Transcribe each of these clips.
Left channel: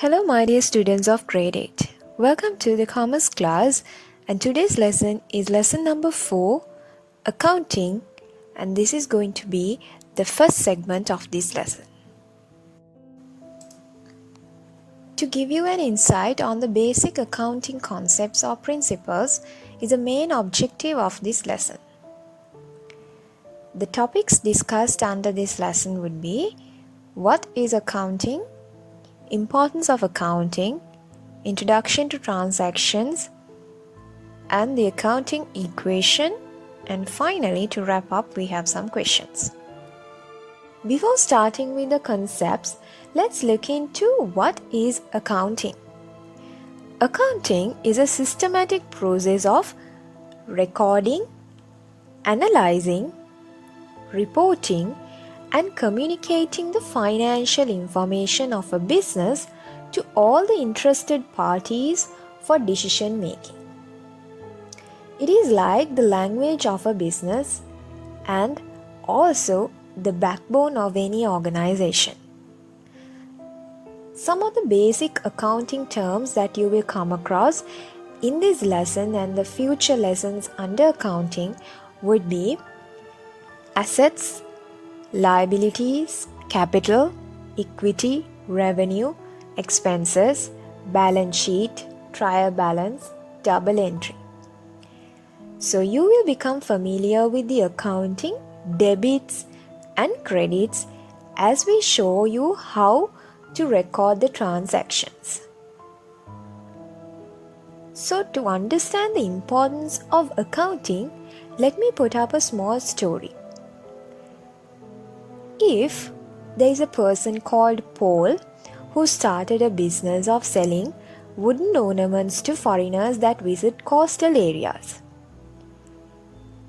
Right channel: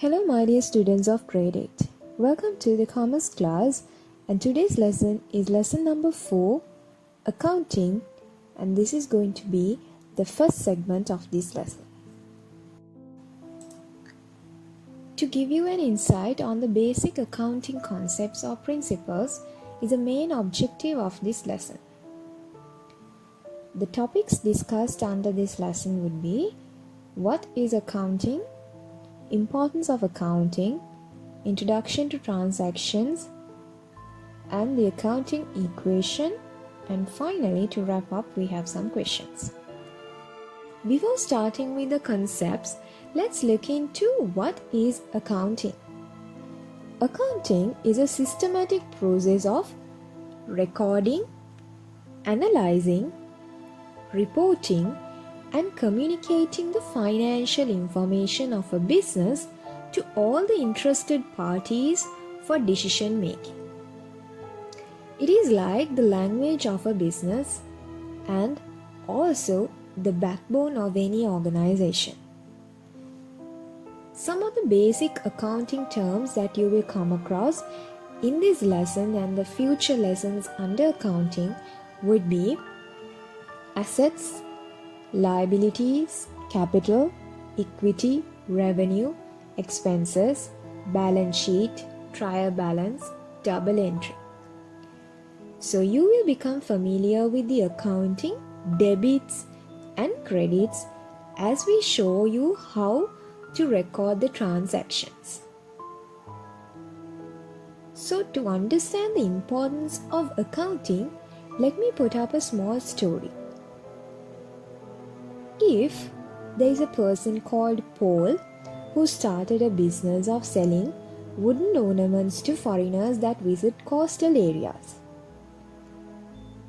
Hello my dear students of grade 8. Welcome to the commerce class, and today's lesson is lesson number 4, accounting, and this is going to be the first segment of this lesson. To give you an insight on the basic accounting concepts or principles is the main objective of this lesson. The topics discussed under this lesson would be: what is accounting, importance of accounting, introduction to transactions, and the accounting equation, and finally, to wrap up, we have some questions. Before starting with the concepts, let's look into what is accounting. Accounting is a systematic process of recording, analyzing, reporting, and communicating the financial information of a business to all the interested parties for decision making. It is like the language of a business and also the backbone of any organization. Some of the basic accounting terms that you will come across in this lesson and the future lessons under accounting would be assets, liabilities, capital, equity, revenue, expenses, balance sheet, trial balance, double entry. So you will become familiar with the accounting, debits and credits as we show you how to record the transactions. So to understand the importance of accounting, let me put up a small story. If there is a person called Paul who started a business of selling wooden ornaments to foreigners that visit coastal areas.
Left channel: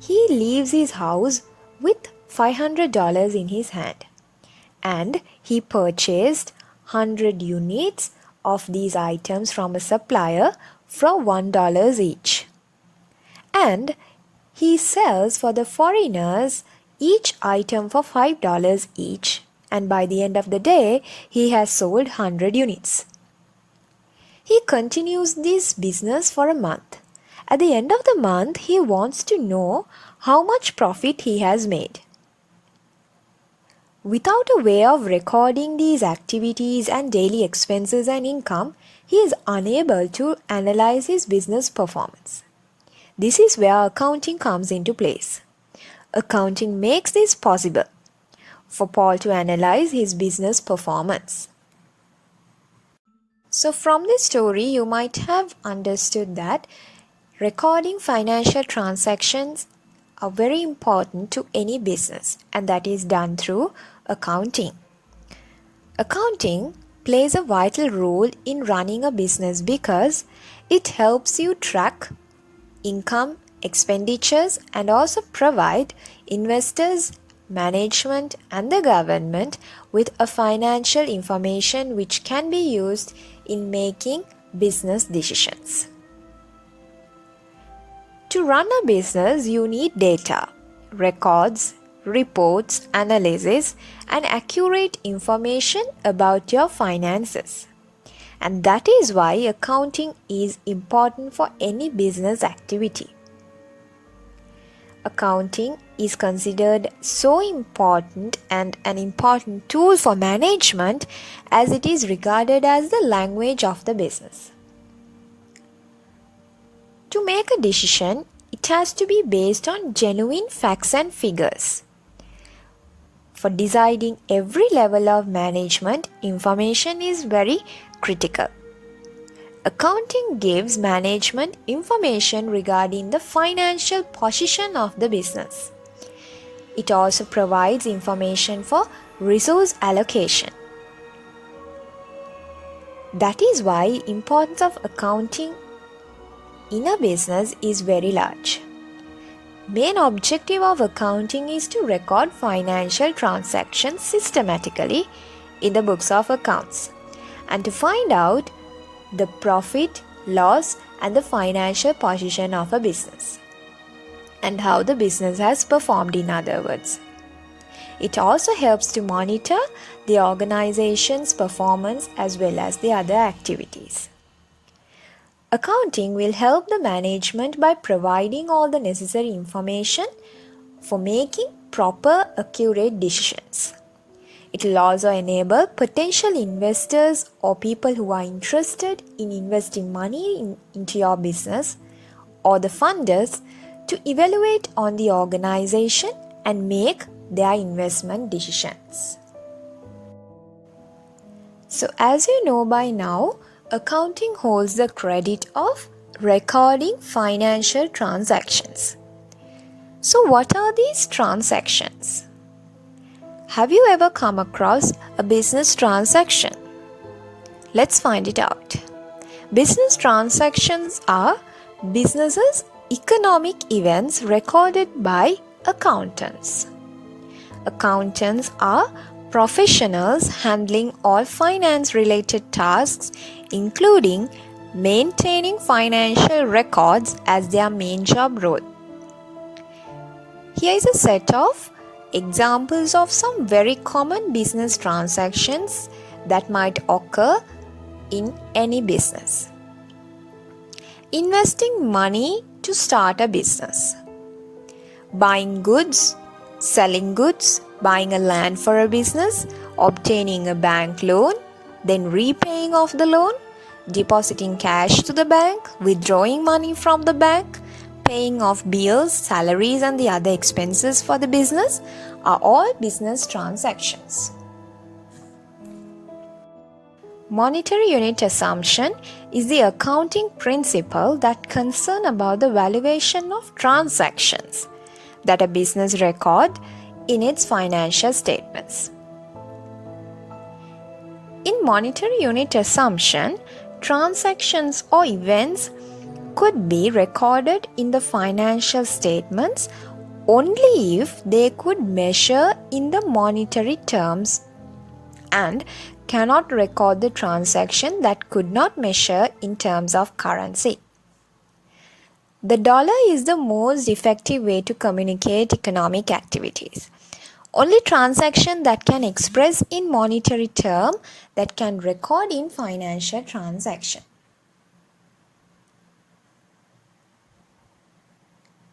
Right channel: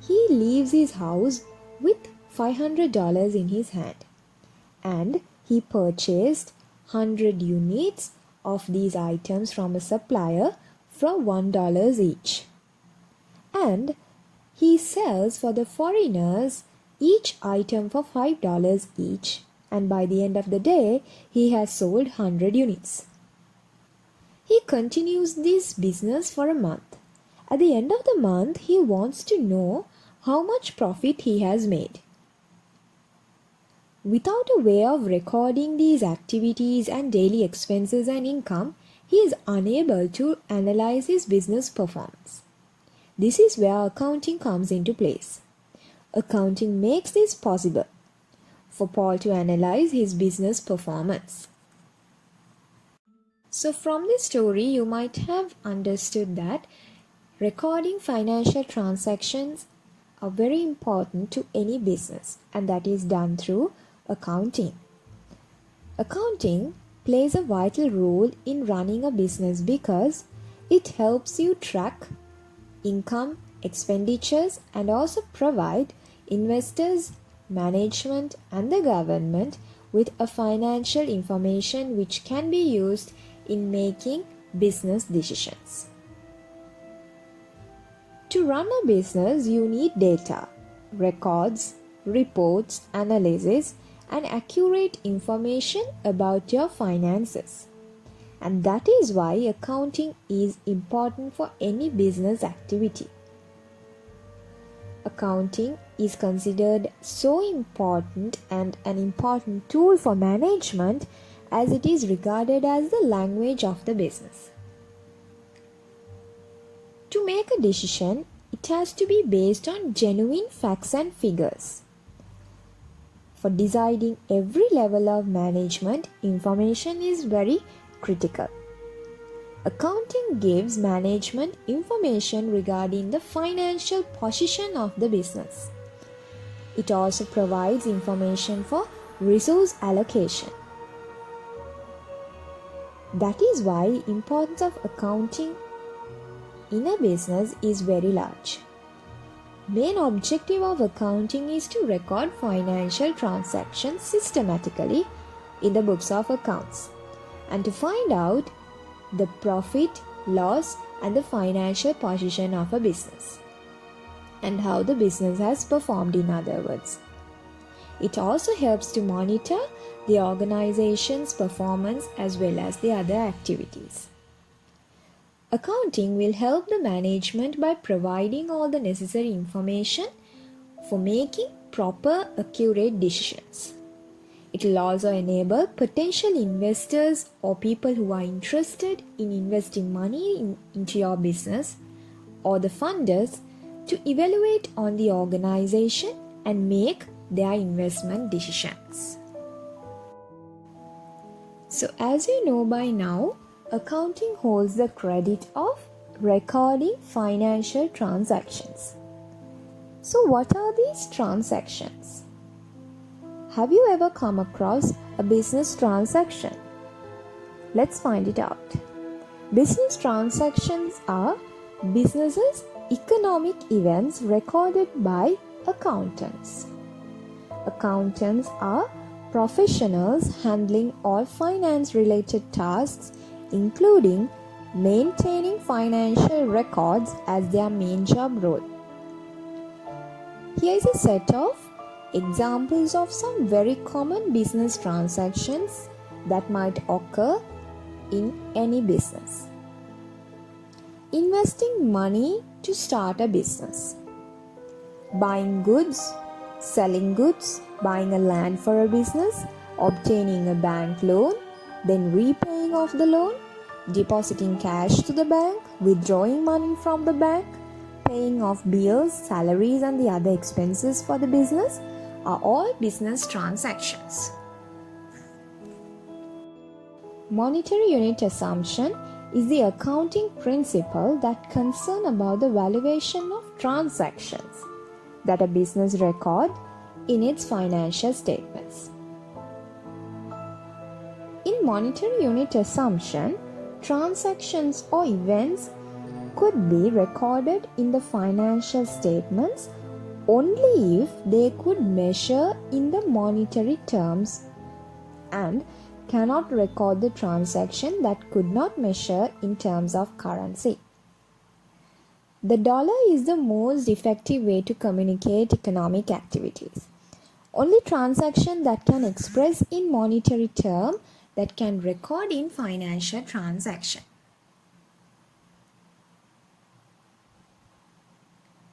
He leaves his house with $500 in his hand, and he purchased 100 units of these items from a supplier for $1 each. And he sells for the foreigners each item for $5 each, and by the end of the day, he has sold 100 units. He continues this business for a month. At the end of the month, he wants to know how much profit he has made. Without a way of recording these activities and daily expenses and income, he is unable to analyze his business performance. This is where accounting comes into place. Accounting makes this possible for Paul to analyze his business performance. So from this story, you might have understood that recording financial transactions are very important to any business, and that is done through accounting. Accounting plays a vital role in running a business because it helps you track income, expenditures, and also provide investors, management, and the government with a financial information which can be used in making business decisions. To run a business, you need data, records, reports, analysis, and accurate information about your finances. And that is why accounting is important for any business activity. Accounting is considered so important and an important tool for management as it is regarded as the language of the business. To make a decision, it has to be based on genuine facts and figures. For deciding every level of management, information is very critical. Accounting gives management information regarding the financial position of the business. It also provides information for resource allocation. That is why the importance of accounting in a business is very large. Main objective of accounting is to record financial transactions systematically in the books of accounts and to find out the profit, loss, and the financial position of a business, and how the business has performed, in other words. It also helps to monitor the organization's performance as well as the other activities. Accounting will help the management by providing all the necessary information for making proper, accurate decisions. It will also enable potential investors or people who are interested in investing money into your business or the funders to evaluate on the organization and make their investment decisions. So as you know by now, accounting holds the credit of recording financial transactions. So what are these transactions? Have you ever come across a business transaction? Let's find it out. Business transactions are businesses' economic events recorded by accountants. Accountants are professionals handling all finance-related tasks, including maintaining financial records as their main job role. Here is a set of examples of some very common business transactions that might occur in any business. Investing money to start a business. Buying goods, selling goods, buying a land for a business, obtaining a bank loan, then repaying off the loan, depositing cash to the bank, withdrawing money from the bank, paying off bills, salaries and the other expenses for the business are all business transactions. Monetary unit assumption is the accounting principle that concern about the valuation of transactions that a business record in its financial statements. In monetary unit assumption, transactions or events could be recorded in the financial statements only if they could measure in the monetary terms and cannot record the transaction that could not measure in terms of currency. The dollar is the most effective way to communicate economic activities. Only transaction that can express in monetary term that can record in financial transaction.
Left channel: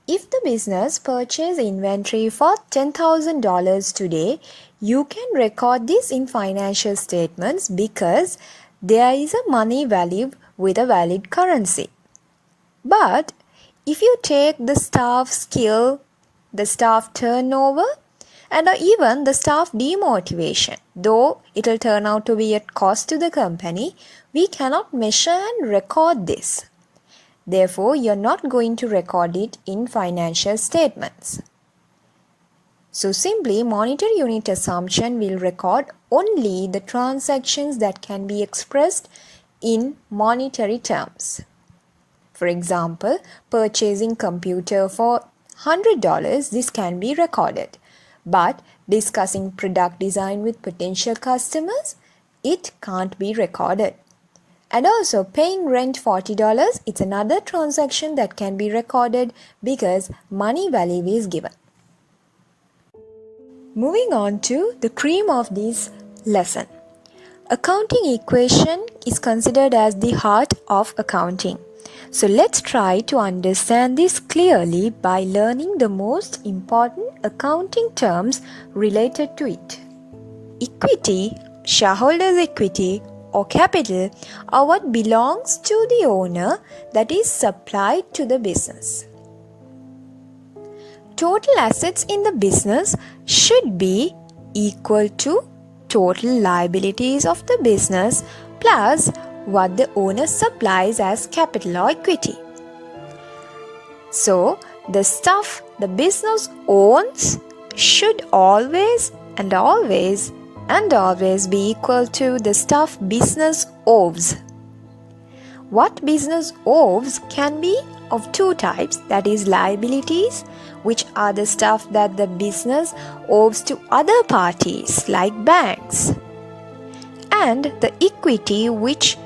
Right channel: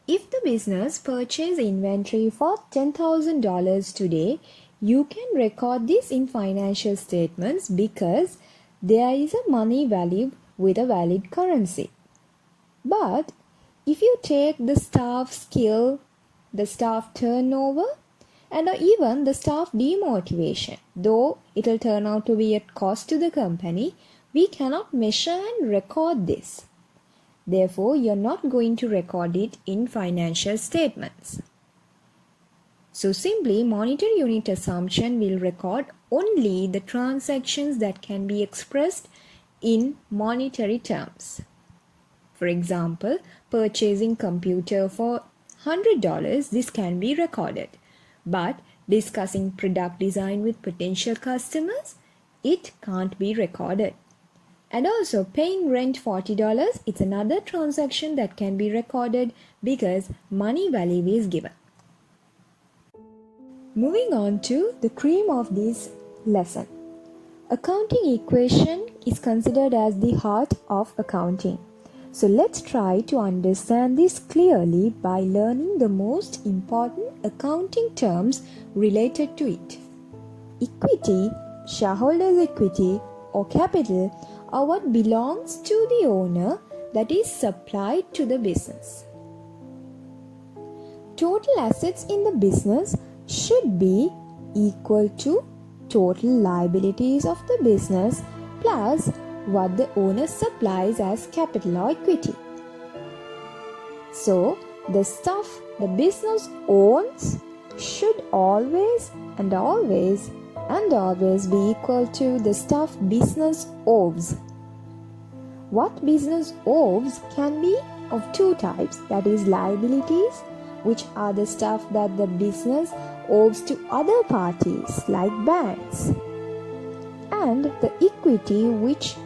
If the business purchase inventory for $10,000 today, you can record this in financial statements because there is a money value with a valid currency. But if you take the staff skill, the staff turnover, and even the staff demotivation, though it will turn out to be at cost to the company, we cannot measure and record this. Therefore, you're not going to record it in financial statements. So simply, monetary unit assumption will record only the transactions that can be expressed in monetary terms. For example, purchasing computer for $100, this can be recorded. But discussing product design with potential customers, it can't be recorded. And also paying rent $40, it's another transaction that can be recorded because money value is given. Moving on to the cream of this lesson. Accounting equation is considered as the heart of accounting. So let's try to understand this clearly by learning the most important accounting terms related to it. Equity, shareholders' equity, or capital are what belongs to the owner that is supplied to the business. Total assets in the business should be equal to total liabilities of the business plus what the owner supplies as capital or equity. So, the stuff the business owns should always be equal to the stuff business owes. What business owes can be of two types, that is liabilities, which are the stuff that the business owes to other parties like banks, and the equity which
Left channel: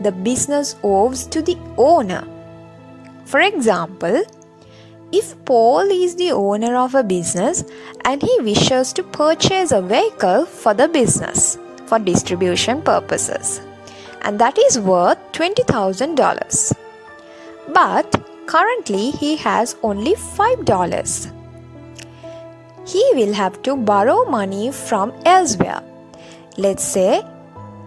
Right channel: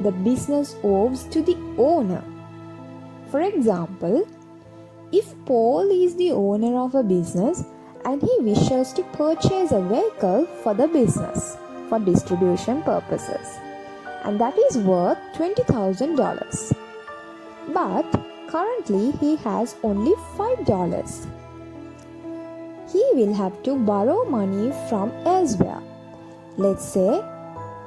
the business owes to the owner. For example, If Paul is the owner of a business and he wishes to purchase a vehicle for the business for distribution purposes, and that is worth $20,000. But currently he has only $5. He will have to borrow money from elsewhere. Let's say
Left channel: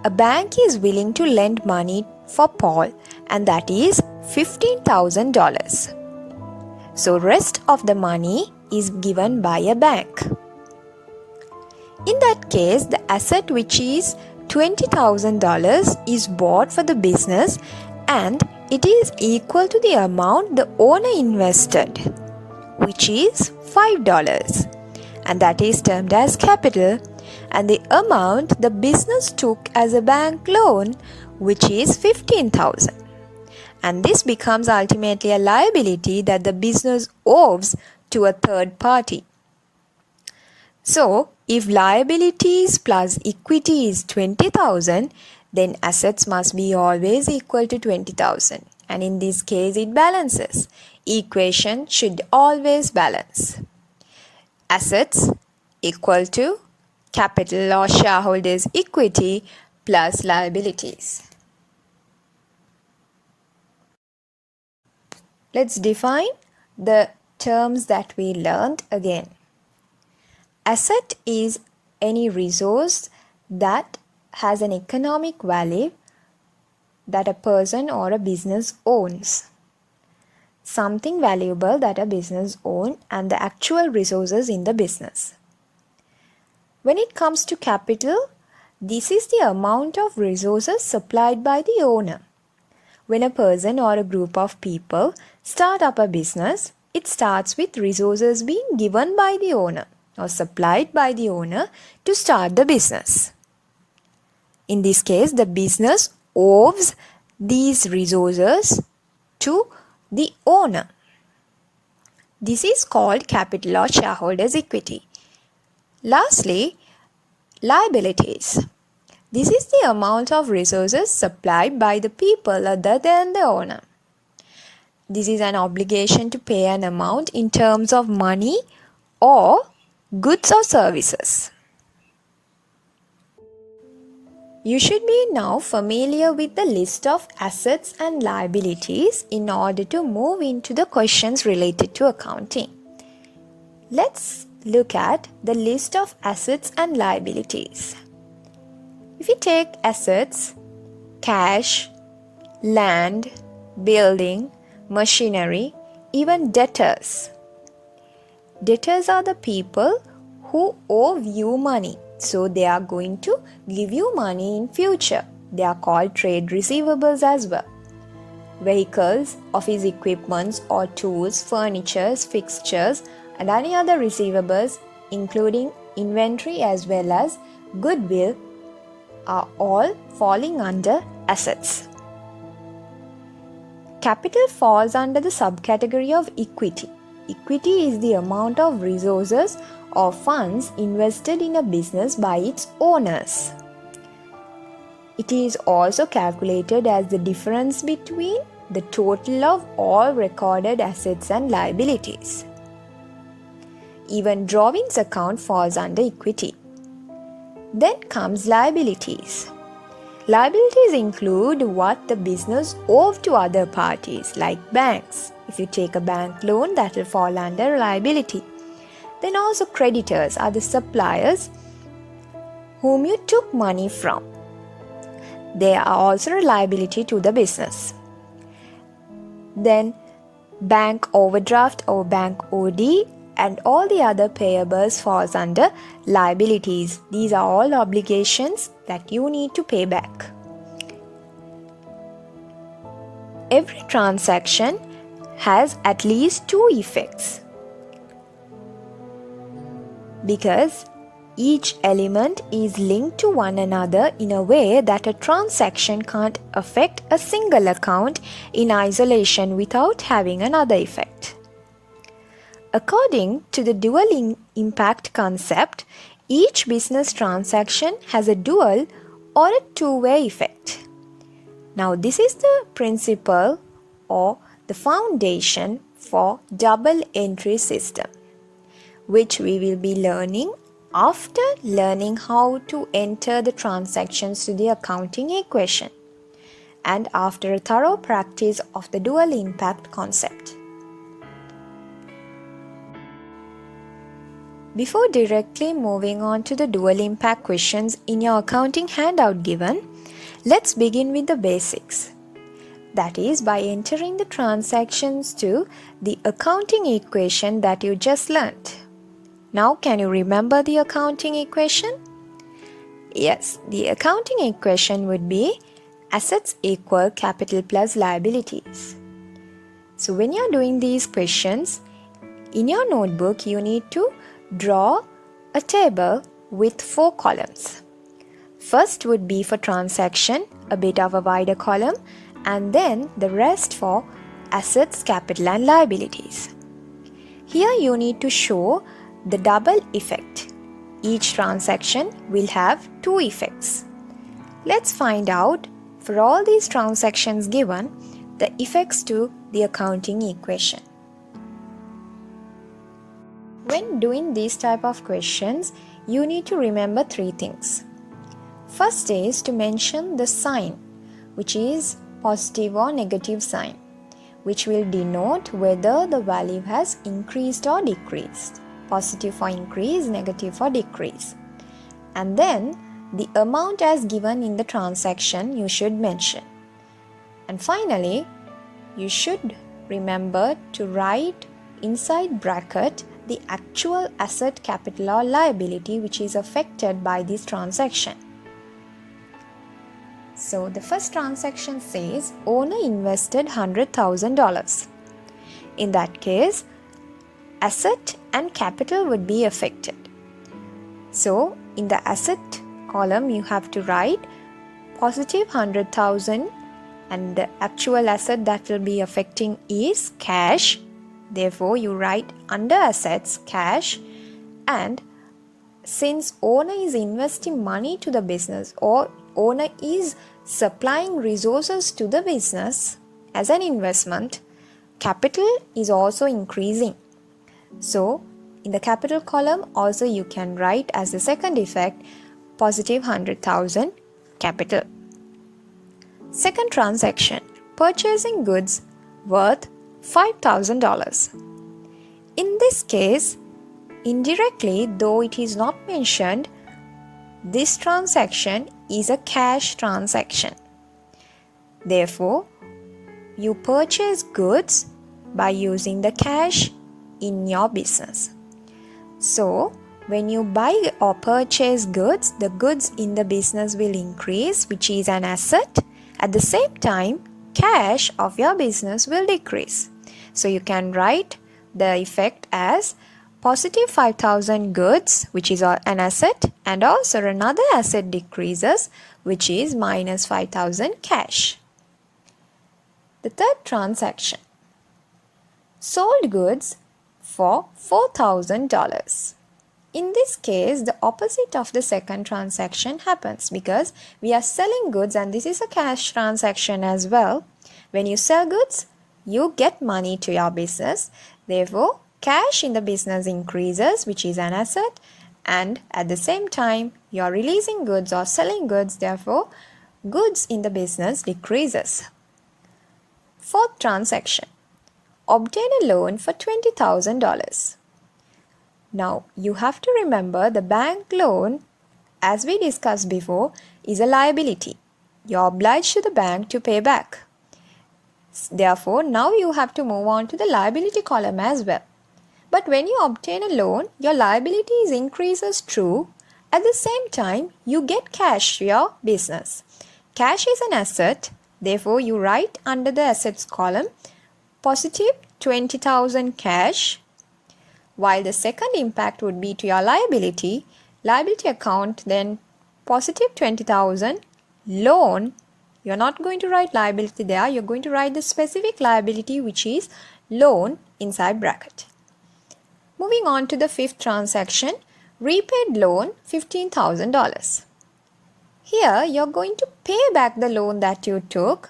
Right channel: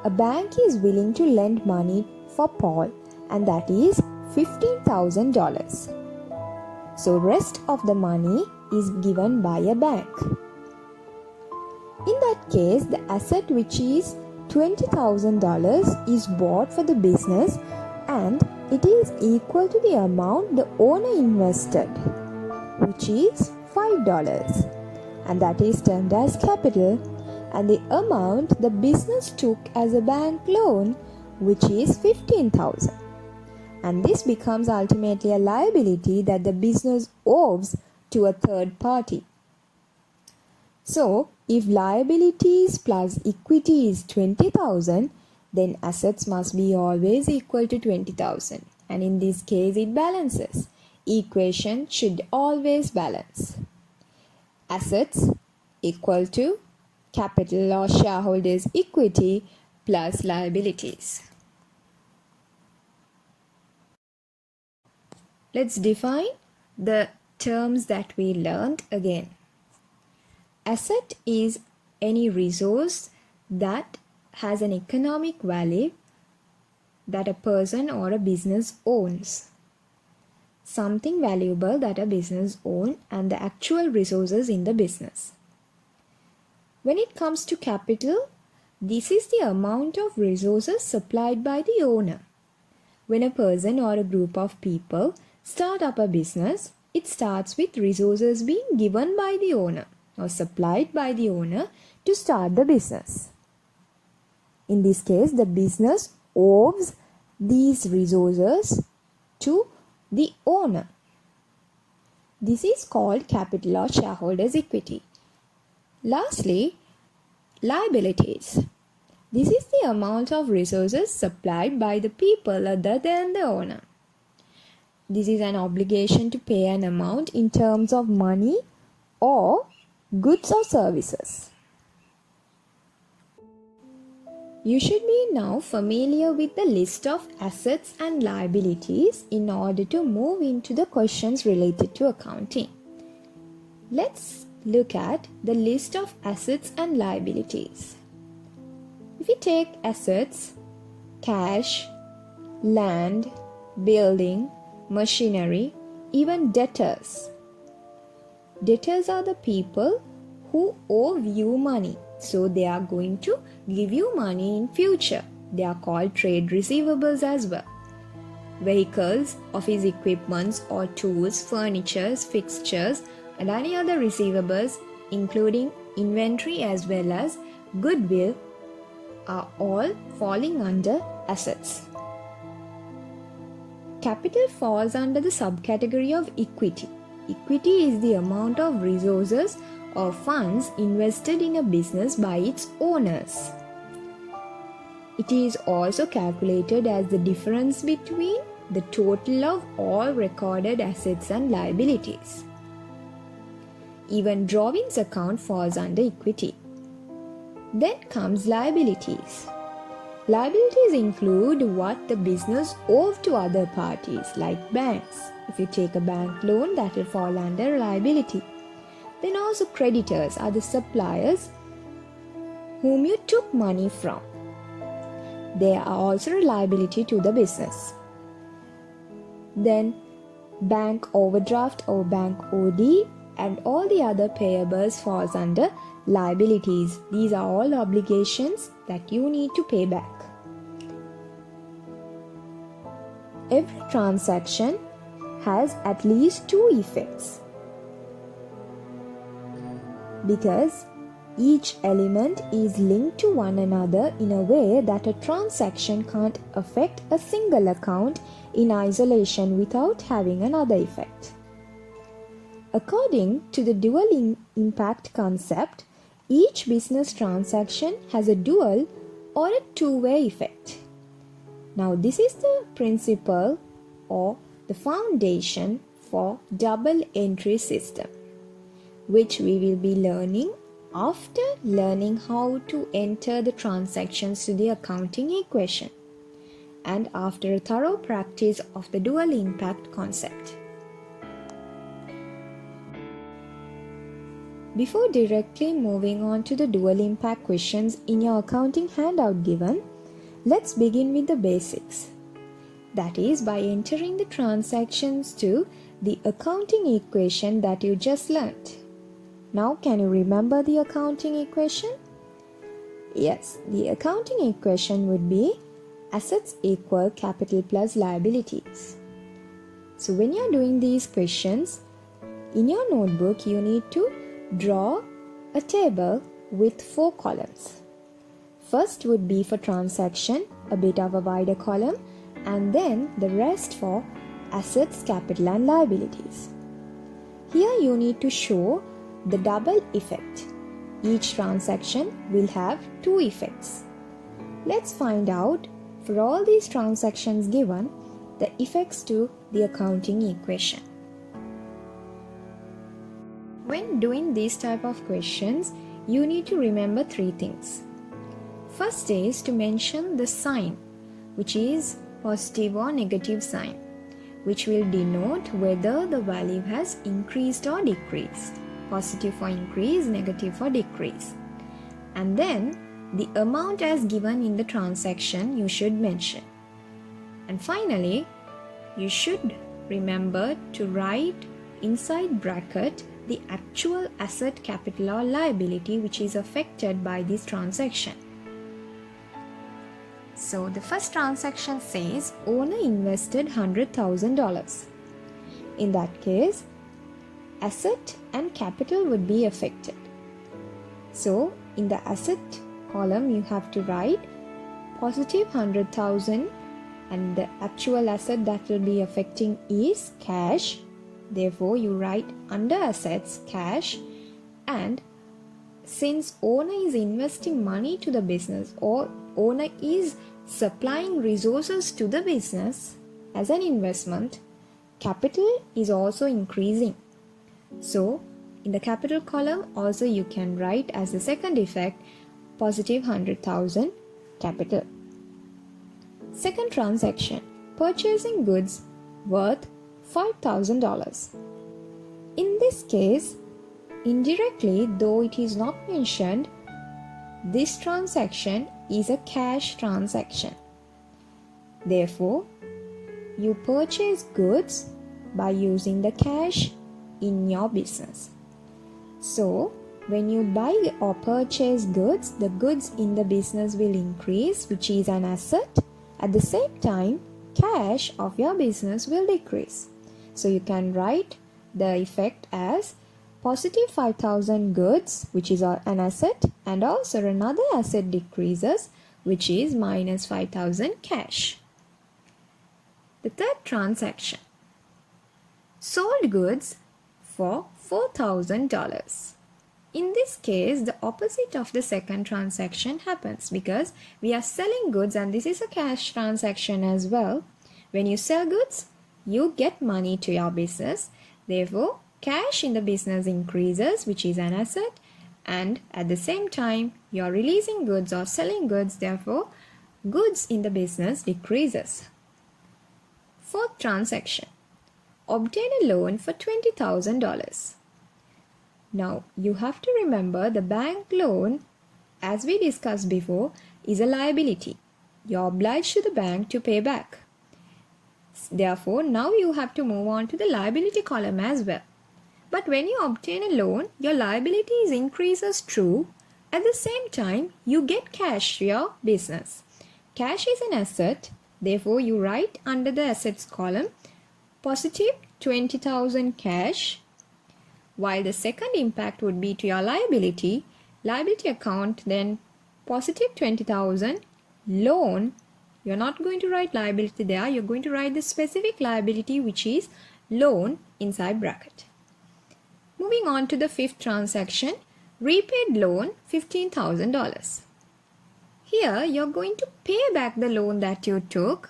a bank is willing to lend money for Paul, and that is $15,000. So rest of the money is given by a bank. In that case, the asset which is $20,000 is bought for the business and it is equal to the amount the owner invested, which is $5, and that is termed as capital, and the amount the business took as a bank loan, which is $15,000. And this becomes ultimately a liability that the business owes to a third party. So, if liabilities plus equity is 20,000, then assets must be always equal to 20,000. And in this case, it balances. Equation should always balance. Assets equal to capital or shareholders' equity plus liabilities. Let's define the terms that we learned again. Asset is any resource that has an economic value that a person or a business owns. Something valuable that a business owns and the actual resources in the business. When it comes to capital, this is the amount of resources supplied by the owner. When a person or a group of people start up a business, it starts with resources being given by the owner or supplied by the owner to start the business. In this case, the business owes these resources to the owner. This is called capital or shareholders' equity. Lastly, liabilities. This is the amount of resources supplied by the people other than the owner. This is an obligation to pay an amount in terms of money or goods or services. You should be now familiar with the list of assets and liabilities in order to move into the questions related to accounting. Let's look at the list of assets and liabilities. If you take assets, cash, land, building, machinery, even debtors. Debtors are the people who owe you money. So they are going to give you money in future. They are called trade receivables as well. Vehicles, office equipments or tools, furniture, fixtures and any other receivables including inventory as well as goodwill are all falling under assets. Capital falls under the subcategory of equity. Equity is the amount of resources or funds invested in a business by its owners. It is also calculated as the difference between the total of all recorded assets and liabilities. Even drawings account falls under equity. Then comes liabilities. Liabilities include what the business owes to other parties like banks. If you take a bank loan, that will fall under liability. Then also creditors are the suppliers whom you took money from. They are also a liability to the business. Then bank overdraft or bank OD and all the other payables falls under liabilities. These are all obligations that you need to pay back. Every transaction has at least two effects because each element is linked to one another in a way that a transaction can't affect a single account in isolation without having another effect. According to the dual impact concept, each business transaction has a dual or a two-way effect. Now, this is the principle or the foundation for double entry system, which we will be learning after learning how to enter the transactions to the accounting equation and after a thorough practice of the dual impact concept. Before directly moving on to the dual impact questions in your accounting handout given, let's begin with the basics. That is by entering the transactions to the accounting equation that you just learnt. Now, can you remember the accounting equation? Yes, the accounting equation would be assets equal capital plus liabilities. So when you're doing these questions, in your notebook you need to draw a table with 4 columns. First would be for transaction, a bit of a wider column, and then the rest for assets, capital and liabilities. Here you need to show the double effect. Each transaction will have 2 effects. Let's find out for all these transactions given the effects to the accounting equation. When doing these type of questions, you need to remember 3 things. First is to mention the sign, which is positive or negative sign, which will denote whether the value has increased or decreased. Positive for increase, negative for decrease. And then the amount as given in the transaction you should mention. And finally, you should remember to write inside bracket the actual asset, capital or liability which is affected by this transaction. So the first transaction says owner invested $100,000. In that case, asset and capital would be affected. So in the asset column you have to write positive 100,000 and the actual asset that will be affecting is cash. Therefore you write under assets cash, and since owner is investing money to the business or owner is supplying resources to the business as an investment, capital is also increasing. So in the capital column also you can write as the second effect positive 100,000 capital. Second transaction, purchasing goods worth $5,000. In this case, indirectly, though it is not mentioned, this transaction is a cash transaction. Therefore, you purchase goods by using the cash in your business. So, when you buy or purchase goods, the goods in the business will increase, which is an asset. At the same time, cash of your business will decrease. So you can write the effect as positive 5,000 goods, which is an asset, and also another asset decreases, which is minus 5,000 cash. The third transaction, sold goods for $4,000. In this case, the opposite of the second transaction happens because we are selling goods and this is a cash transaction as well. When you sell goods, you get money to your business. Therefore, cash in the business increases, which is an asset, and at the same time, you are releasing goods or selling goods. Therefore, goods in the business decreases. Fourth transaction, obtain a loan for $20,000. Now, you have to remember the bank loan, as we discussed before, is a liability. You are obliged to the bank to pay back. Therefore, now you have to move on to the liability column as well. But when you obtain a loan, your liabilities increases true. At the same time, you get cash to your business. Cash is an asset. Therefore, you write under the assets column positive 20,000 cash. While the second impact would be to your liability account, then positive 20,000 loan. You're not going to write liability there. You're going to write the specific liability, which is loan, inside bracket. Moving on to the fifth transaction, repaid loan $15,000. Here, you're going to pay back the loan that you took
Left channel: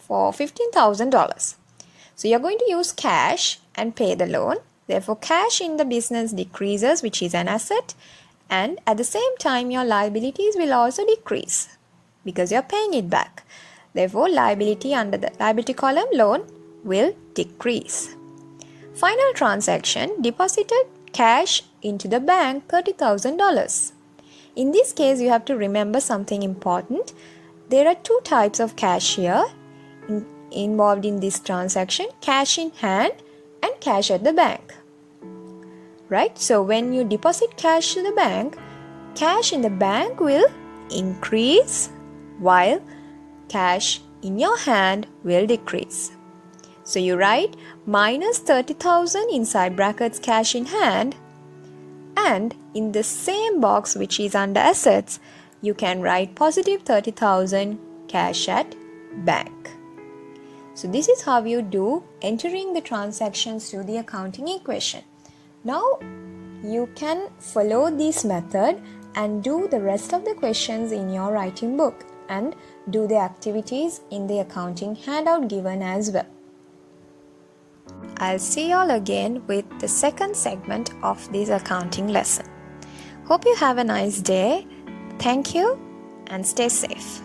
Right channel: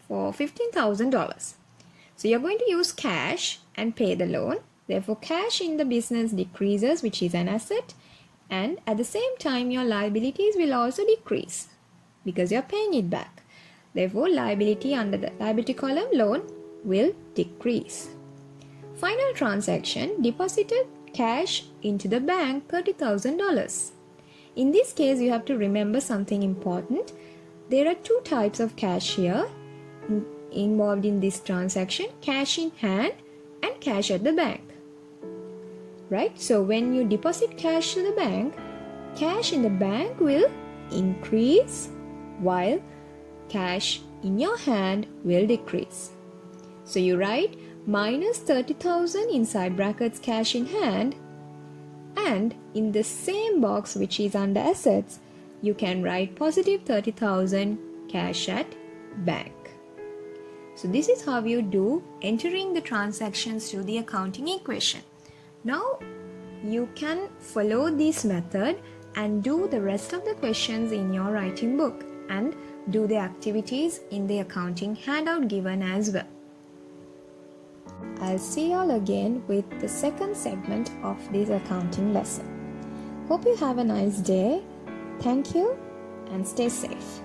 for $15,000. So, you're going to use cash and pay the loan. Therefore, cash in the business decreases, which is an asset, and at the same time, your liabilities will also decrease because you're paying it back. Therefore, liability under the liability column, loan, will decrease. Final transaction, deposited cash into the bank, $30,000. In this case, you have to remember something important. There are two types of cash here involved in this transaction: cash in hand and cash at the bank. Right? So when you deposit cash to the bank, cash in the bank will increase while cash in your hand will decrease. So you write minus 30,000 inside brackets cash in hand, and in the same box which is under assets, you can write positive 30,000 cash at bank. So this is how you do entering the transactions to the accounting equation. Now you can follow this method and do the rest of the questions in your writing book and do the activities in the accounting handout given as well. I'll see you all again with the second segment of this accounting lesson. Hope you have a nice day. Thank you and stay safe.